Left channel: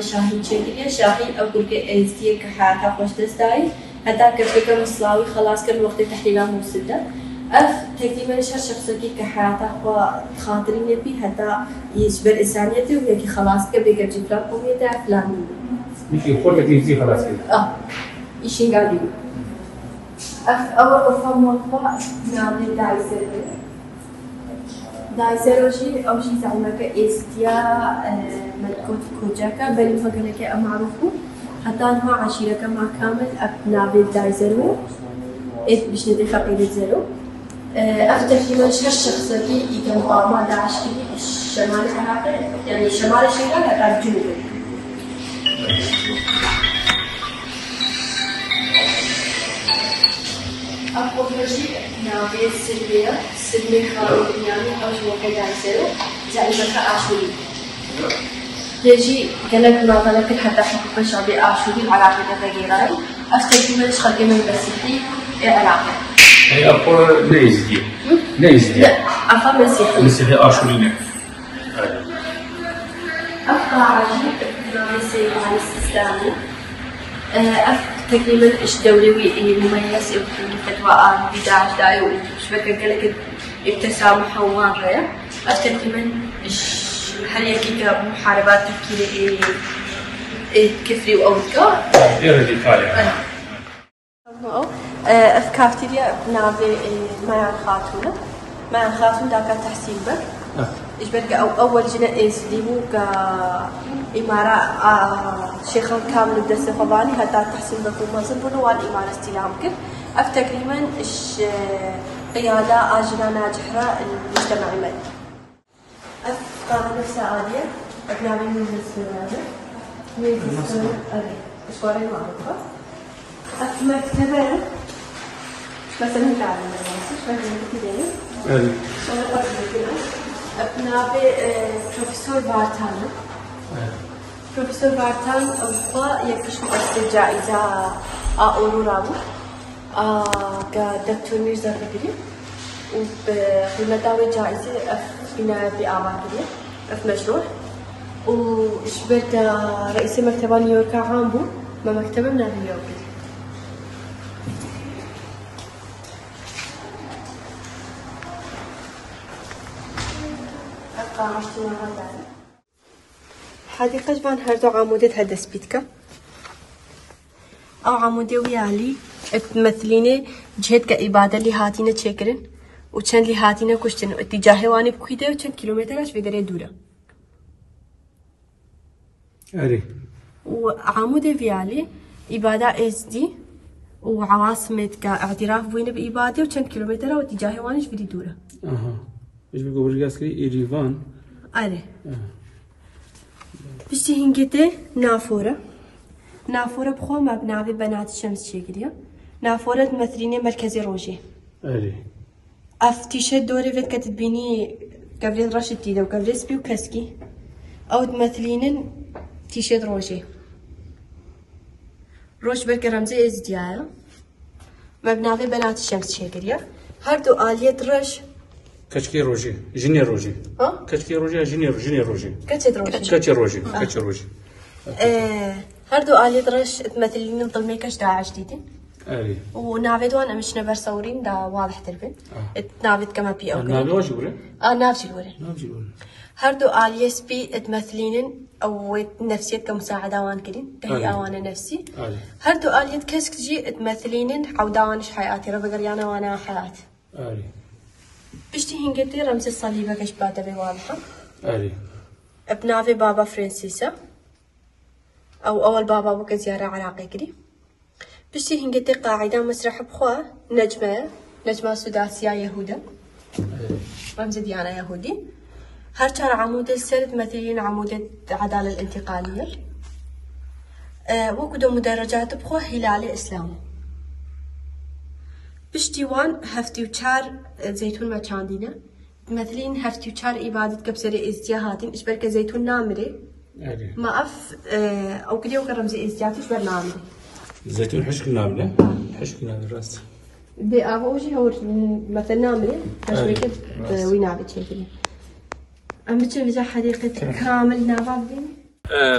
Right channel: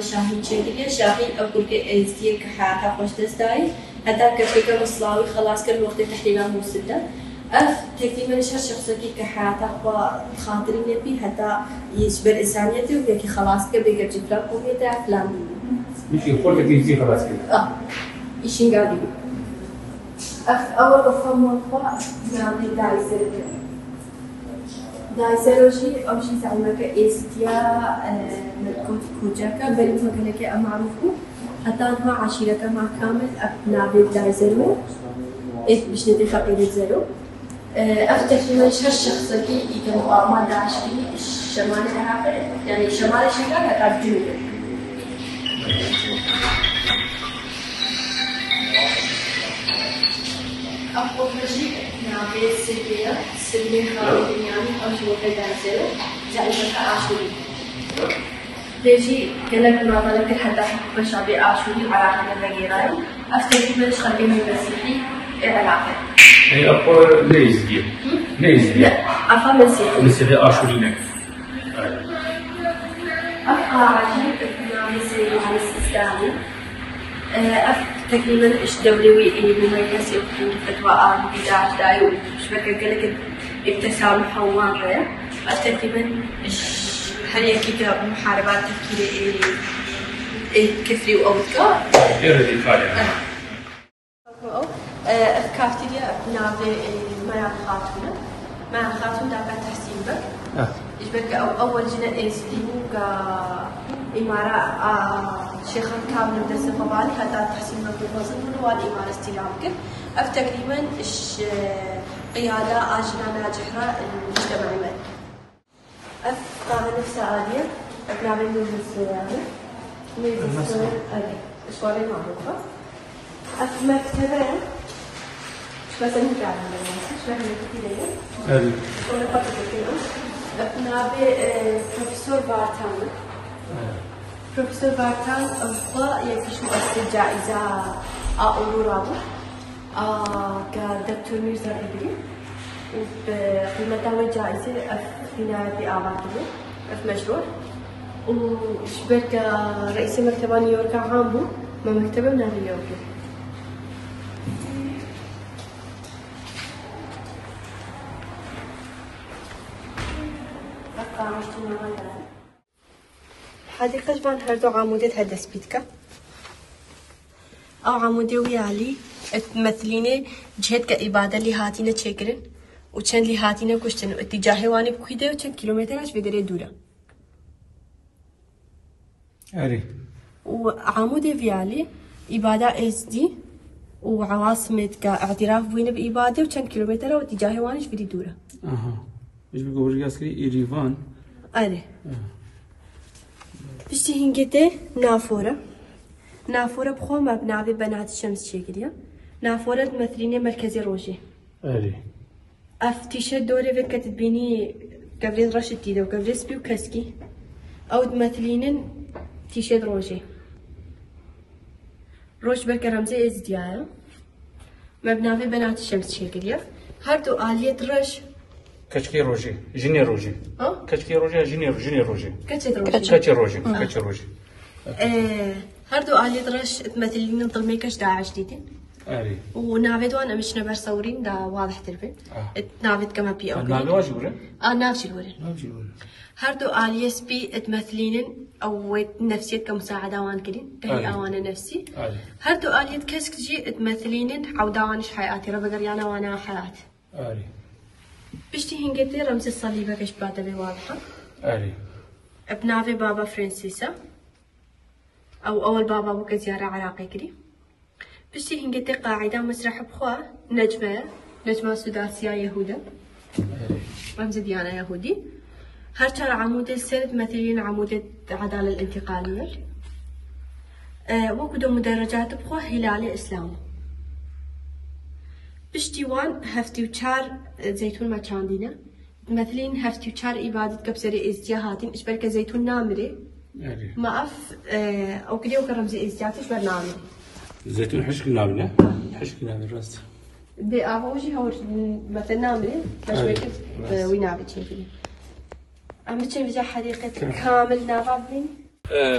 ناوي شاهين شيء شاهين أقول كأزدي كحياتها خوش تستاي حتى كفكر مصلاوي خلاص كل وقت تحليلها مسدة تقريبا شخصك كحياتها وخاطرين يبي حتى يجبر إنسانيته وياكي خلاص كبيجر جفرا ويدا فلان يجي خلك يجي خلاص كده إيشين قاعدين أول أفهم وقفة نعمل دايسروشي أو شيء زعمك إستيا ملكوت كوجاكا بل مكانك أمعروفه حتى أنها عشيرة مع كامل أبناء دايسرو باش ندي خبير زيرو أفتكر من شهر شخصيتي يكون ما داعش فيه شمال العراق يعني شمال الشمال هذا الجنوب أول شيء نابي سلمي خالد يعني أول كذا زيرو زي ما أشوري يجي قالك ما قالك حتى حكم شعبي أشوري على كل الرجال أفتكر من شخصيتي من بسيطي العراق هي أقوى ليز دي أفهم مسيحي أشوري أبقى عجيب مسيحي على السيستاني تقريبا إيش دوري مميز يمكن تقرأ بداية داي وشبكة قالك التسامح وواقع تقريبا هل يكيد محاربات تفكيري كفري وأوتكا أفكارتي نابي ما خاطرنا ما خاطرنا ذاك تحسين بك إيش بقى أول جنا إنسديمو كإمارة شيخ كامل بدرس فضاني هذا تحسين بك ومازن بنوان إمارة استلامك تقريبا إيش قيادة أجنا ناجحة المجتمع المالي أفكار نفس عالية نابي من السورية من السورية شوارع ما بقى مكتبة مثلا نابي بروفيسور بارتان بروفيسور بارتان أصلا يكتشف الجائزة أورورامو كدكتور ميرزا إدري وبمتاوي جائزة في نادي أعمالية في مشروع وشبرت رئيس مكتبة نيويورك عامبو ما مكتبة من نيويورك حديقة بان هردو عمودة هذا سبيتكا أو عمودة ويالي تمثليني جهة كإبادة اللي هاتينا تشكرن وشن اللي هاتينا كشتن اتجاهي واني بكيده وشن كيلومترش في دري دورة أري وعمودة ويالي إبادة إس دي وعواصمة كاعتراف بوين بإبادة وشن كيلومتر واتجاهي وانيش في دورة إيش بيقول رجاسكري إيريفان أري بشتي هنجته نافورة بخو مبنى بنات الشمس شكليا نافورة تمثليني مركزي روجي أري أفتيشة دوري فيت كتبيني قبل رشد تيدا وقبل سبي وكسكي أو تمثليني تيشيرت روجي روش بالكرمزة إزديارة مبنى بنات الشمس شكليا هردو آلية رش كشكي روجي جيني روجي كشكي روجي جيني روجي كشكي روجي هردو آلية رش تمثلين ظلمي كش داعش جديدي ونافد وانا مش نبر صورين دا واضح تربي نافد كما بي او نافد واجي ولا نافد ولا هردو آلية سبي تمثلين او نفسية كمساعدة وان كلين كهي اوانا نفسي هردو آلية كسك جي تمثلين عودانش حياتي ربقر يانا وانا حياتي بشتي هنجتي رمز الصليبة كش بادلي واضحة بنافي بابا فرانسيسا أو أول بابا بوك زيارة عراقي كري بشتي هنجتي قاعدة مسرح بخوا نجمة سداسية يهودة رمز ديانة يهودي هرشار عمود السرد مثلين عمود العدالة الانتقالية وكدو مدرجات بخوا هلالي إسلامي بشتي وان هفتي وشار زيتون ما كاندينا مثلين هفتي وشار إبادة كبسري إزدياهاتين إشبر كزيتون نامري ما أف أو كليو كرمزي إزدياتي إشبر نامري زيتون حشك نامري راست بأبوجي هو مثل نامري حشكت وينابت شكله عم بتشوف حديقة كامل نابعين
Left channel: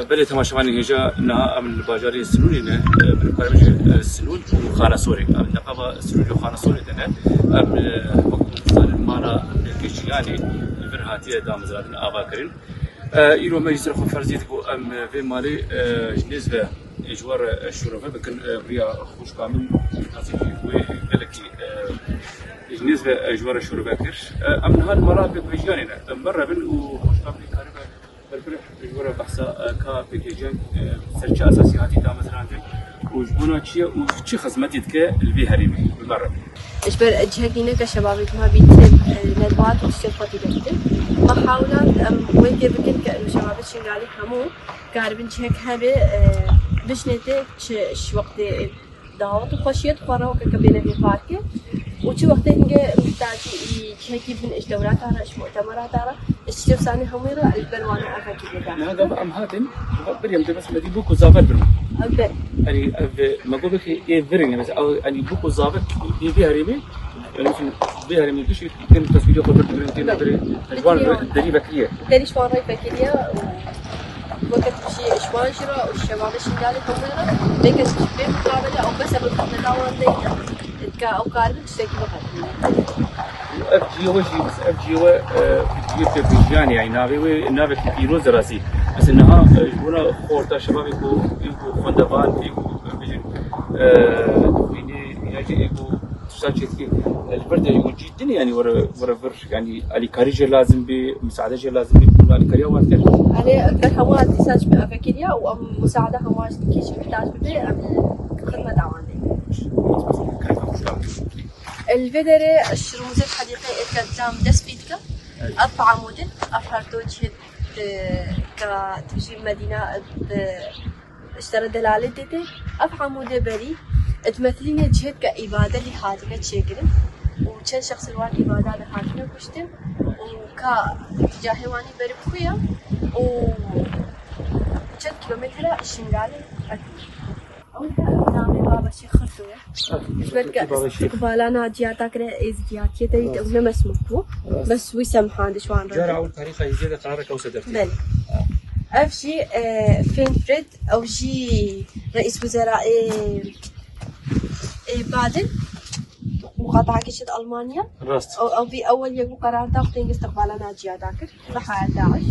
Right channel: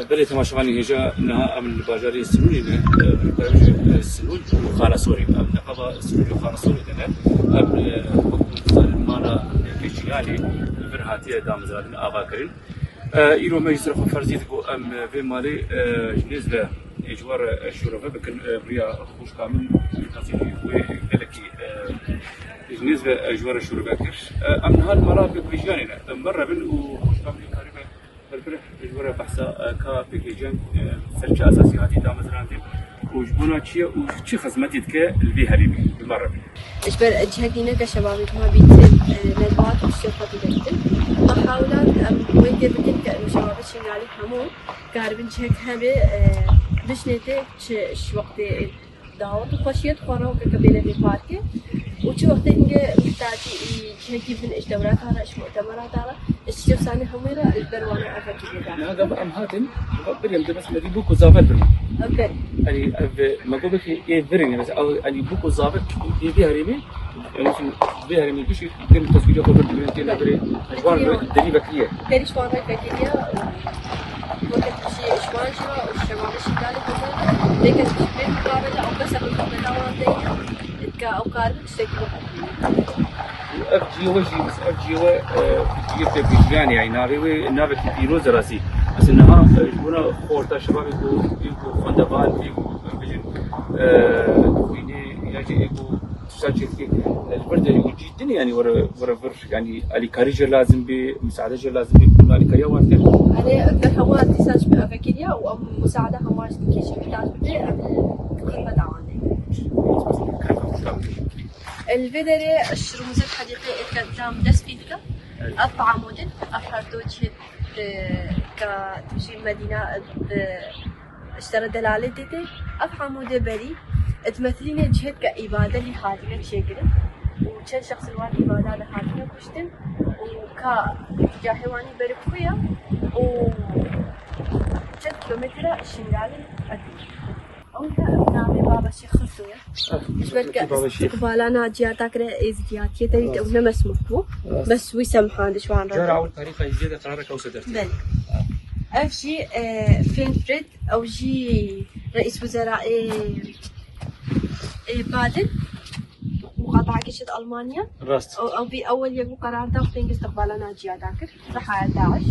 بلي تماشواني هجا نها من باجاري السنوني من قريش السنون وخانة سوري نقابة السنون وخانة سوري كنا مقبول المالا كيشياني البرهاتية دام زرادين آباكرين إيرو ما يصرف فرزيت بو أم في مالي نسبة إجوار الشرفة لكن بريا خوش كامل وقالكي نسبة إجوار الشرفة كرش أم هالمرافق بيجانينا مرة بن وخوش كامل كاربة بالفرح إجوار بحثا كبيجان سرچ أساسي هاتي دام زرادين وجبنا شيء وشي خدمات يدك البي هريبي بالمرة. إجبر أجهكينا كشباب ما بيتم لبعض الشفات يدك محاولات وين يذكر كشباب الشنغالي همو قاربين جهك هذا بشنته ش وقت دعوت وخشيت قرار كبيرة في فاتي وشو وقت إنك محتاجي جهك من إيش دورات على إيش مؤتمرات على إيش ثاني هميرة البروانا أفكر لك. أنا قبل أمهاتن بريم تبص مدي بوكو زافر برم. أبر. يعني ما قبل في بريم بس أو يعني بوكو زافر في هريمي ممكن في هريمي كشي كان تصوير خبر بريمتين أبري إشوان دري بكرية. دري إشوان بكرية وقت شيء إشوان شراء والشباب الشنغالي هميرة لكن شباب قارة أو بس أبغى دعوان ده أو قارة تشتكي بحاجة. أفجيوا وجهي بس أفجيوا في بيجان يعني نابي في بيروز راسي بس إنها هنا خورتا شباب يكو خندبان يكو بيجن ويني يجي يكو تساعد البرد يكون جدا يعني ورا برش يعني على كاريجة لازم بمساعدة لازم بي على كاريا وانتر. أنا بحوار تساعد بأفكاريا ومساعدة حوار كيش بتاعت بدي خدمة دعواني. الفيدرة الشروط الحديقة التام جسبيتك أربعة موديل أفراد وجه كتشير مدينة اشترى دلالة ديتي أربعة موديل بري تمثلين جهك كإبادة لحاجة شكرا وكان شخص الواقع إبادة لحاجة بشتم وكجاهواني بركوية وجد كيلومتر الشنغالي نامي بابا شيخ خرطوية إجبرك استقبالنا جياتا كره إزدياتية تريد أو نمس مكو بس ويسمحان دشوان رجع التاريخ يزيد تعرف وسدر بل أفشي فين فريد أو جي رئيس وزراء بادن مقاطعة كشد ألمانيا أو بأول يوم قرار تاخدين استقبالنا جياتا كره رح داعش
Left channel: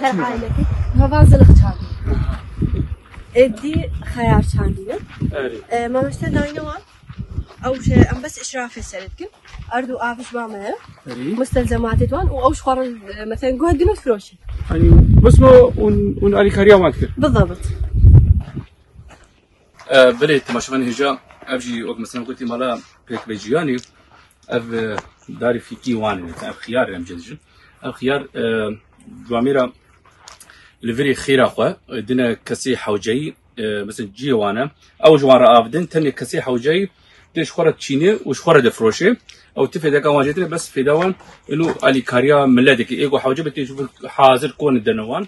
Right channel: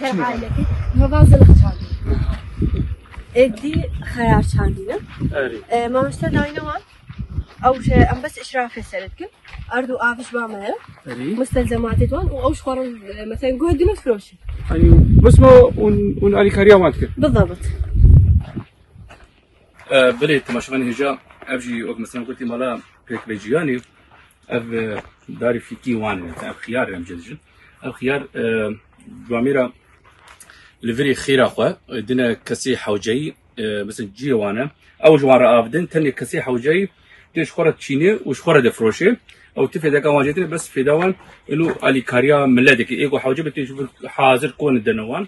هر عائلتي هفازل اختاري دي خيار شاندينا ما مستدعينا أو شيء أم بس إشراف السردكم أردو آفش بعمله مستلزمات دوان وأوش خار مثلا جهد مفروش يعني بس ما ونقالي كاريا ما تكر بالضبط بليت تماشفاني هجا أبجي وقت مثلا قلتي مالا بيك بيجياني أب داري في كيوان أب خيار أم جدجن أب خيار جواميرا الفري خير أخوة دنا كسي حوجي مثلا جيوانا أو جوارا أبدن تاني كسي حوجي تيش خورة تشيني وش خورة دفروشي أو تفيدك واجتنا بس في دوان إنه على كاريا ملادك إيجو حوجي بتشوف حاضر كون الدنوان